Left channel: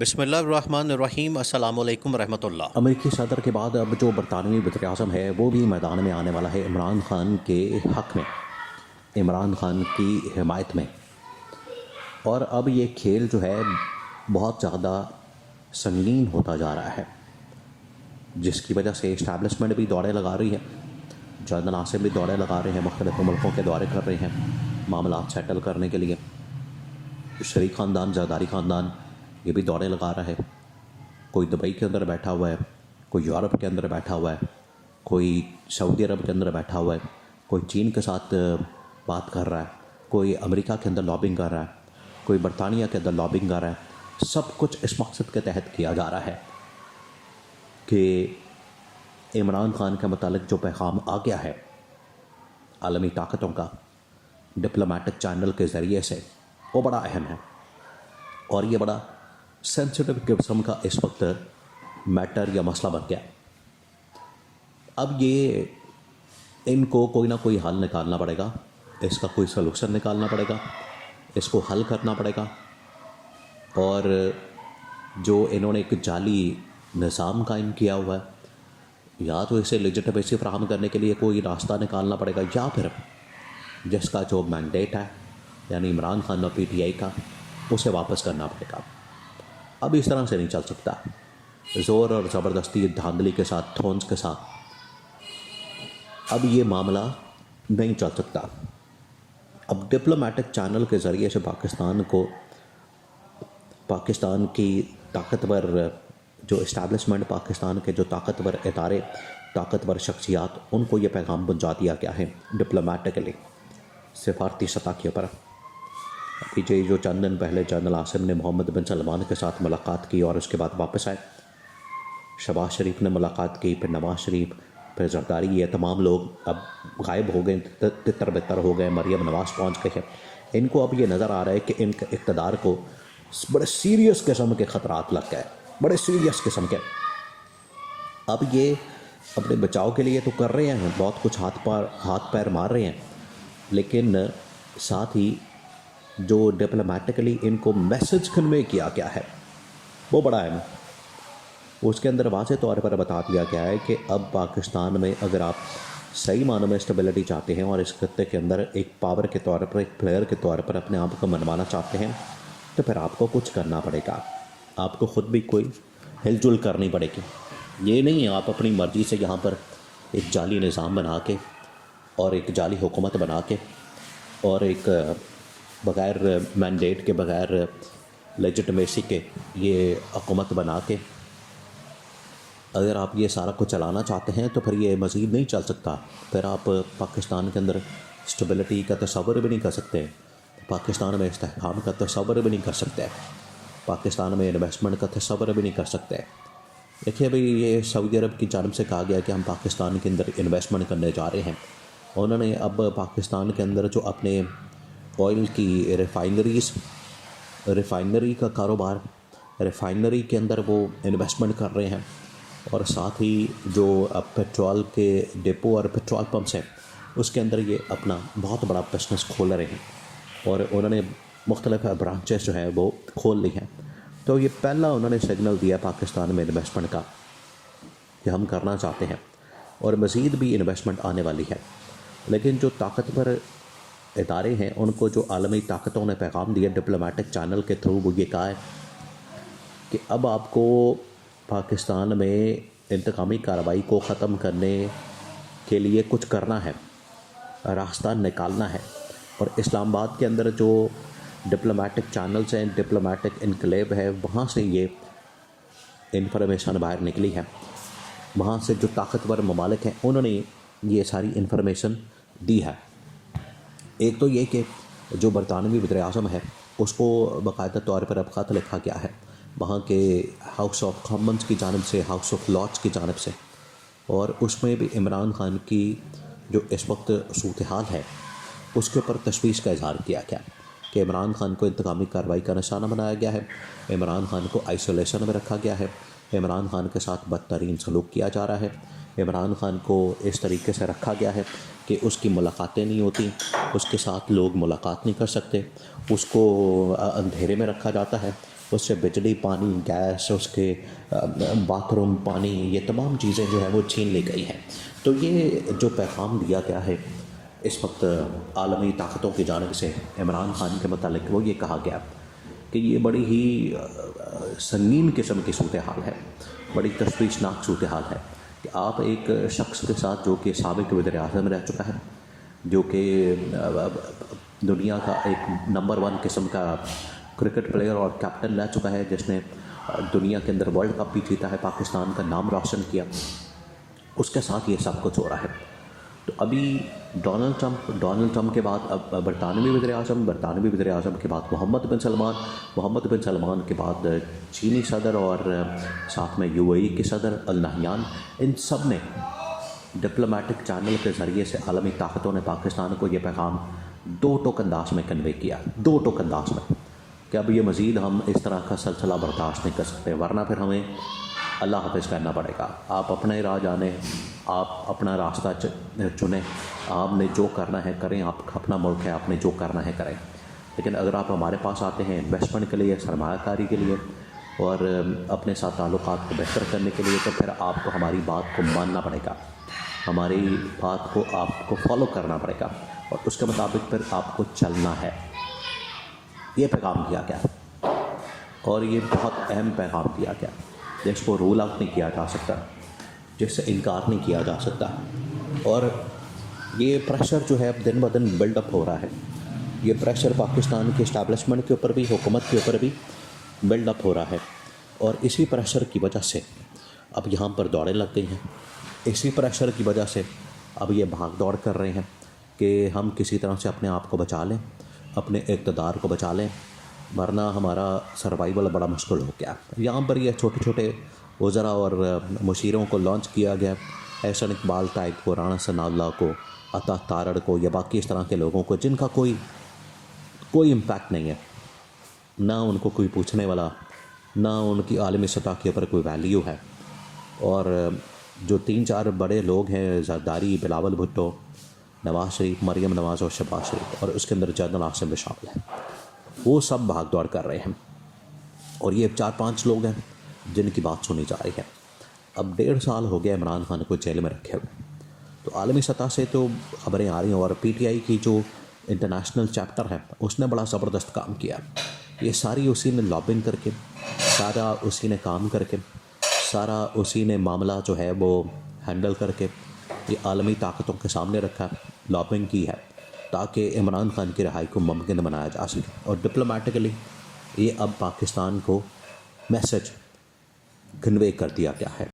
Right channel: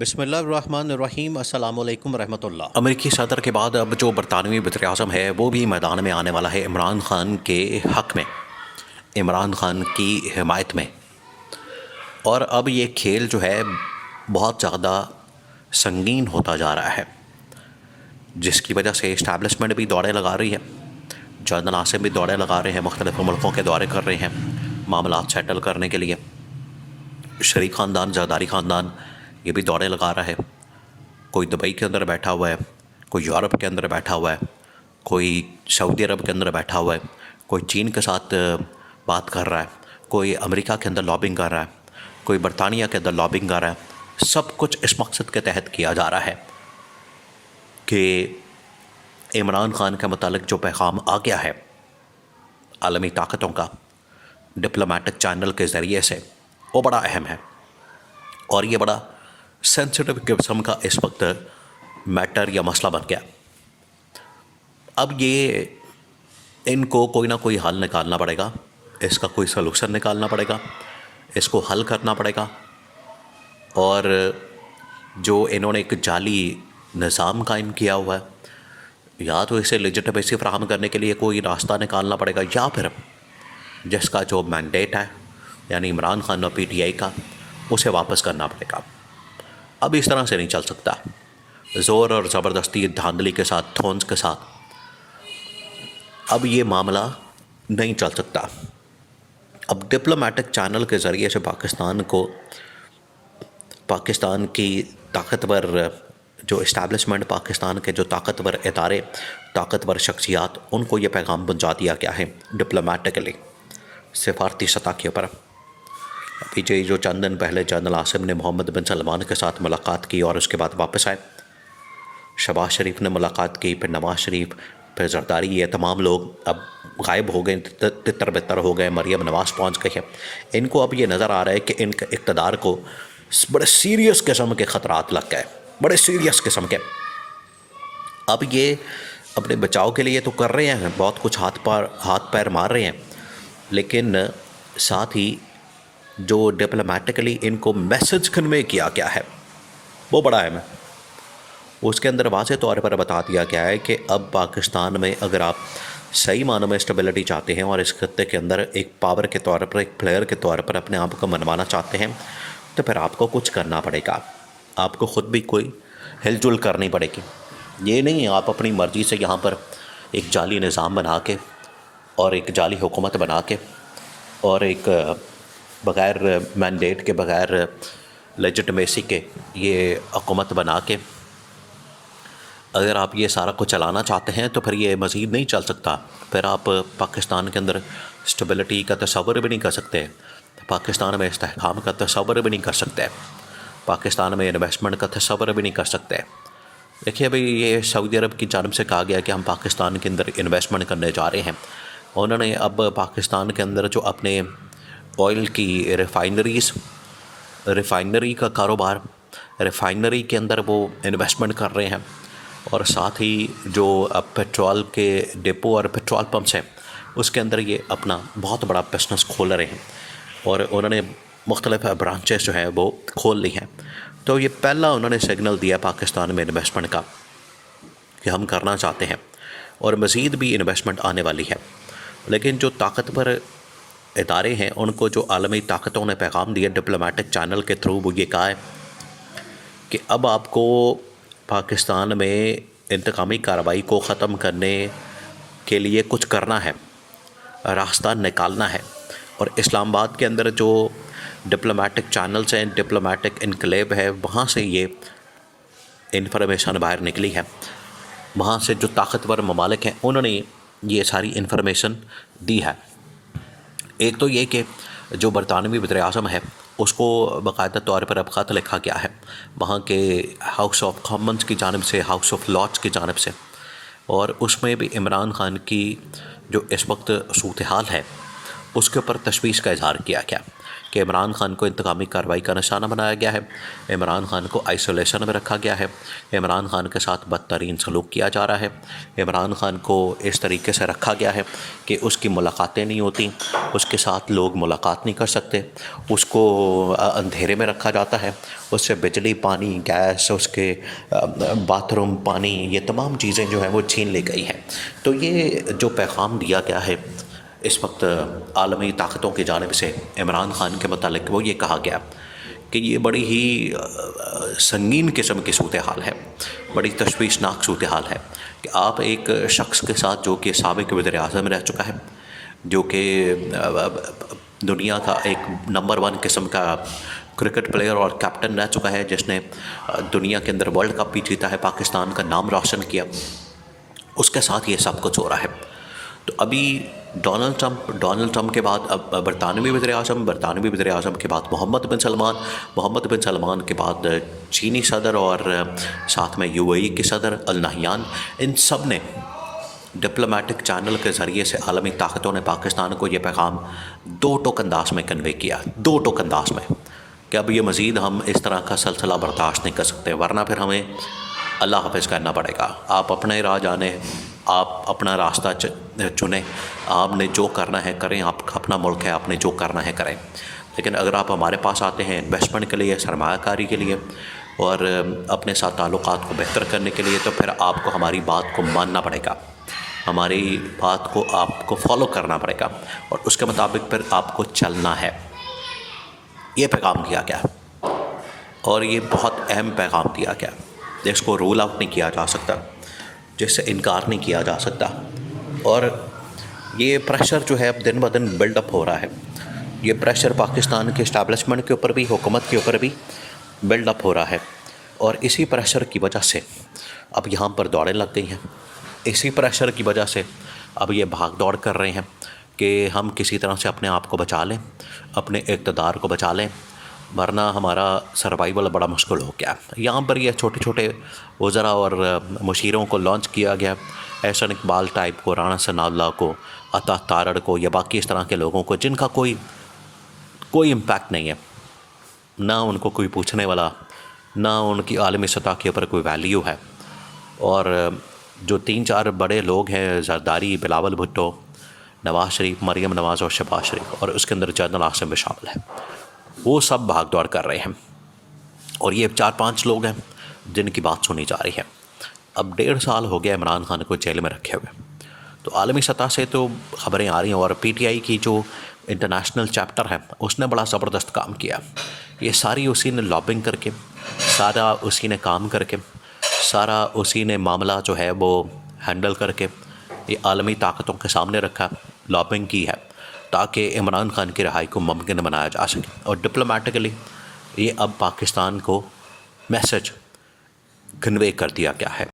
بسم اللہ الرحمن الرحیم، السلام علیکم ورحمۃ اللہ۔ امریکی صدر کے بعد اب جو برطانوی وزیر اعظم ہے وہ بھی میدان میں آنے والا ہے عمران خان کے حق میں، عمران خان کی حمایت میں۔ اور اب یہ کھیل جو ہے بہت زیادہ سنگین ہوتا جا رہا ہے، جس کی وجہ سے اسٹیبلشمنٹ بھی دوڑے لگا رہی ہے، جنرل عاصم بھی دوڑے لگا رہے ہیں، مختلف ملکوں کے دورے کر رہے ہیں معاملات سیٹل کرنے کے لیے۔ شریک خاندان، زرداری خاندان یہ بھی دوڑے لگا رہا ہے۔ کوئی دبئی کے اندر بیٹھا ہوا ہے، کوئی یورپ کے اندر بیٹھا ہوا ہے، کوئی سعودی عرب کے اندر بیٹھا ہوا ہے، کوئی چین کے ساتھ بات کر رہا ہے، کوئی امریکہ کے اندر لابنگ کر رہا ہے، کوئی برطانیہ کے اندر لابنگ کر رہا ہے۔ سب کچھ اس مقصد کے تحت کیا جا رہا ہے کہ عمران خان کے متعلق جو پیغام آ گیا ہے عالمی طاقتوں کا ڈپلومیٹک چینل کے ذریعے سے، وہ بڑا اہم ہے، اور یہ بڑا سینسٹیو قسم کا اس وقت میٹر یا مسئلہ بن گیا۔ اب یہ ان کو کوئی نہ کوئی حل نکالنا پڑے گا، اس کا کوئی سلوشن نکالنا پڑے گا، اس کو حل کرنا پڑے گا۔ اور جو انہوں نے ایک جعلی نظام قائم کیا ہوا ہے، یا تو اسے لیجٹمیسی فراہم کرنے کے لیے کوئی راستہ نکالنا پڑے گا، یا پھر جس کا جو مینڈیٹ ہے یعنی عمران خان اور پی ٹی آئی کا، اسے واپس کرنا پڑے گا۔ اب اس طرح سے نہیں چل سکتا، زور اور زبردستی، دھاندلی کے ساتھ، تھونس کے ساتھ اب یہ معاملہ نہیں چل سکتا۔ اب ڈپلومیٹک چینل کے ذریعے سے پاکستان کی طاقتور جو اسٹیبلشمنٹ، پاکستان کے جو طاقتور ادارے، طاقتور شخصیات، ان کو یہ پیغام پہنچا دیا گیا ہے ڈپلومیٹکلی، سفارتی سطح کے اوپر۔ پیچھے جو چند دن پہلے جنرل عاصم نے محمد بن سلمان کے ساتھ ملاقات کی اور اس کے بعد واپس آئے، شہباز شریف نے ملاقات کی، پھر نواز شریف، پھر زرداری، یہ تمام لوگ اب غائب ہو گئے، تتر بتر ہو گئے، مریم نواز پہنچ گئی ہے۔ ان کو اب یہ نظر آ رہا ہے کہ ان کے اقتدار کو بڑے سیریس قسم کے خطرات لگ گئے، بڑے سیریس قسم کے۔ اب یہ اپنے بچاؤ کے لیے تو کر رہے ہیں، بہت کچھ ہاتھ پیر مار رہے ہیں، لیکن ساتھ ہی جو ڈپلومیٹکلی ان کو میسج کنوے کیا گیا ہے وہ بڑا اہم ہے۔ اس کے اندر واضح طور پر بتا دیا گیا ہے کہ اب پاکستان میں اگر آپ صحیح معنوں میں اسٹیبلٹی چاہتے ہیں اور اس خطے کے اندر ایک پاور کے طور پر، ایک پلیئر کے طور پر اپنے آپ کو منوانا چاہتے ہیں، تو پھر آپ کو کچھ کرنا پڑے گا، آپ کو خود بھی کوئی ہل جل کرنی پڑے گی۔ یہ نہیں آپ اپنی مرضی سے یہاں پر ایک جعلی نظام بنا کے اور ایک جعلی حکومت بنا کے اور ایک بغیر مینڈیٹ کے، بغیر لیجٹمیسی کے یہ حکومت بنا کے اگر آپ یہ سارا کچھ چلانا چاہتے ہیں تو پھر یہ مزید نہیں چل سکتا۔ پھر آپ پاکستان کے اندر اسٹیبلٹی کا تصور بھی نہیں کر سکتے، پاکستان میں استحکام کا تصور بھی نہیں کر سکتے، پاکستان میں انویسٹمنٹ کا تصور بھی نہیں کر سکتے۔ دیکھیے بھئی، یہ سعودی عرب کی جانب سے کہا گیا کہ ہم پاکستان کے اندر انویسٹمنٹ کرنے جا رہے ہیں۔ انہوں نے اب پاکستان کے اندر جو اپنے آئل کی ریفائنری کا کاروبار، ریفائنری کے اندر وہ انویسٹمنٹ کر رہے ہیں، اور ساتھ ہی جو پیٹرول کے ڈپو اور پیٹرول پمپس ہیں اس کے اندر یہ اپنا بہت بڑا بزنس کھول رہے ہیں، اور انہوں نے مختلف برانچز جو ہیں وہ کھول لی ہیں۔ تو یہ پہلا انہوں نے سگنل دیا پاکستان میں انویسٹمنٹ کا کہ ہم کرنا چاہتے ہیں، اور مزید بھی انویسٹمنٹ آنے والی ہے۔ لیکن جو طاقتور ادارے ہیں ان کو جو عالمی طاقتوں نے پیغام دیا ڈپلومیٹک چینل کے تھرو، وہ یہ کہا ہے کہ اب آپ کو پاکستان میں انتقامی کارروائی کو ختم کرنے کے لیے کچھ کرنا ہے، راستہ نکالنا ہے۔ اور اسلام آباد کے اندر جو ڈپلومیٹک چینلز ہیں، ڈپلومیٹک انکلیو ہے، وہاں سے یہ انفارمیشن باہر نکلی ہے، وہاں سے جو طاقتور ممالک ہیں انہوں نے یہ ساری انفارمیشن دی ہے۔ ایک تو یہ کہ جو برطانوی وزیر اعظم ہے اس کو باقاعدہ طور پر اب خط لکھا گیا ہے وہاں کے ہاؤس آف کامنز کی جانب سے، ہاؤس آف لارڈز کی جانب سے، اور اس میں بھی عمران خان کی جو اس وقت صورتحال ہے اس کے اوپر تشویش کا اظہار کیا گیا کہ عمران خان کو انتقامی کارروائی کا نشانہ بنایا گیا ہے، عمران خان کو آئسولیشن میں رکھا گیا ہے، عمران خان کے ساتھ بدترین سلوک کیا جا رہا ہے، عمران خان کو اس طریقے سے رکھا گیا ہے کہ اس کی ملاقاتیں نہیں ہوتی، اس کے ساتھ لوگ ملاقات نہیں کر سکتے، اس کو اندھیرے میں رکھا جاتا ہے، اس سے بجلی، پانی، گیس، اس کے باتھ روم، پانی، یہ تمام چیزیں جو ہیں وہ چھین لی گئی ہیں۔ تو یہ جو پیغام دیا گیا ہے اس وقت عالمی طاقتوں کی جانب سے عمران خان کے متعلق، وہ یہ کہا گیا کہ یہ بڑی ہی سنگین قسم کی صورتحال ہے، بڑی تشویشناک صورتحال ہے کہ آپ ایک شخص کے ساتھ جو کہ سابق وزیر اعظم رہ چکا ہے، جو کہ دنیا کا ایک نمبر 1 قسم کا کرکٹ پلیئر اور کیپٹن رہ چکا ہے، جس نے دنیا کے اندر ورلڈ کپ بھی جیتا ہے، پاکستان کا نام روشن کیا، اس کے ساتھ یہ سب کچھ ہو رہا ہے۔ تو ابھی ڈونلڈ ٹرمپ کے بعد اب برطانوی وزیر اعظم کے بعد محمد بن سلمان کے بعد چینی صدر اور ساتھ میں UAE کے صدر النہیان، ان سب نے ڈپلومیٹک چینل کے ذریعے سے عالمی طاقتوں نے پاکستان کو یہ پیغام 2 ٹوک انداز میں کنوے کیا، 2 ٹوک انداز میں، کہ اب یہ مزید ہم اس طرح کا سلسلہ برداشت نہیں کر سکتے، ورنہ پھر ہمیں اللہ حافظ کرنا پڑے گا۔ آپ اپنے راہ جانیں، آپ اپنا راستہ چنیں، آپ نے جو کرنا ہے کریں، آپ کا اپنا ملک ہے، آپ نے جو کرنا ہے کریں، لیکن اگر آپ ہمارے پاس آتے ہیں انویسٹمنٹ کے لیے، سرمایہ کاری کے لیے اور اپنے ساتھ تعلقات کو بہتر کرنے کے لیے، تو پھر آپ کو ہماری بات کو ماننا پڑے گا، ہماری بات کو آپ کو فالو کرنا پڑے گا، اور اس کے مطابق پھر آپ کو چلنا ہے۔ یہ پیغام دیا گیا اور یہ بہت اہم پیغام دیا گیا، جس کو رول آؤٹ نہیں کیا جا سکتا، جس سے انکار نہیں کیا جا سکتا، اور یہ پریشر جو ہے اب دن بہ دن بلڈ اپ ہو رہا ہے، یہ پریشر پاکستان کے اسٹیبلشمنٹ کے اوپر بھی، حکومت کے اوپر بھی بلڈ اپ ہو رہا ہے، اور اسی پریشر کی وجہ سے اب یہاں پر دوڑیں لگ گئی ہیں، اسی پریشر کی وجہ سے اب یہ بھاگ دوڑ کر رہے ہیں کہ ہم کسی طرح سے اپنے آپ کو بچا لیں، اپنے اقتدار کو بچا لیں، ورنہ ہمارا سروائیول بڑا مشکل ہو گیا۔ یہاں پر یہ چھوٹے چھوٹے وزراء اور مشیروں کو لانچ کیا گیا، احسن اقبال ٹائپ کو، رانا ثناء اللہ کو، عطا تارڑ کو، یا باقی اس طرح کے لوگوں کو جن کا کوئی امپیکٹ نہیں ہے، نہ ان کو کوئی پوچھنے والا، نہ ان کی عالمی سطح کے اوپر کوئی ویلیو ہے، اور جو 3-4 بڑے لوگ ہیں، زرداری، بلاول بھٹو، نواز شریف، مریم نواز اور شہباز شریف، اور اس کے اندر جنرل عاصم بھی شامل ہے، وہ سب بھاگ دوڑ کر رہے ہیں، اور یہ 4-5 لوگ ہیں جن کی بات سنی جا رہی ہے۔ اب 1.5 سال ہو گیا عمران خان کو جیل میں رکھے ہوئے، تو عالمی سطح سے تو خبریں آ رہی ہیں، اور PTI کی جو انٹرنیشنل چیپٹر ہے اس نے بڑا زبردست کام کیا، یہ ساری اسی نے لابنگ کر کے، سارا اسی نے کام کر کے، سارا اسی نے معاملہ جو ہے وہ ہینڈل کر کے یہ عالمی طاقتوں کے سامنے رکھا، لابنگ کی ہے، تاکہ عمران خان کی رہائی کو ممکن بنایا جا سکے، اور ڈپلومیٹکلی یہ اب پاکستان کو میسج کنوے کر دیا گیا ہے۔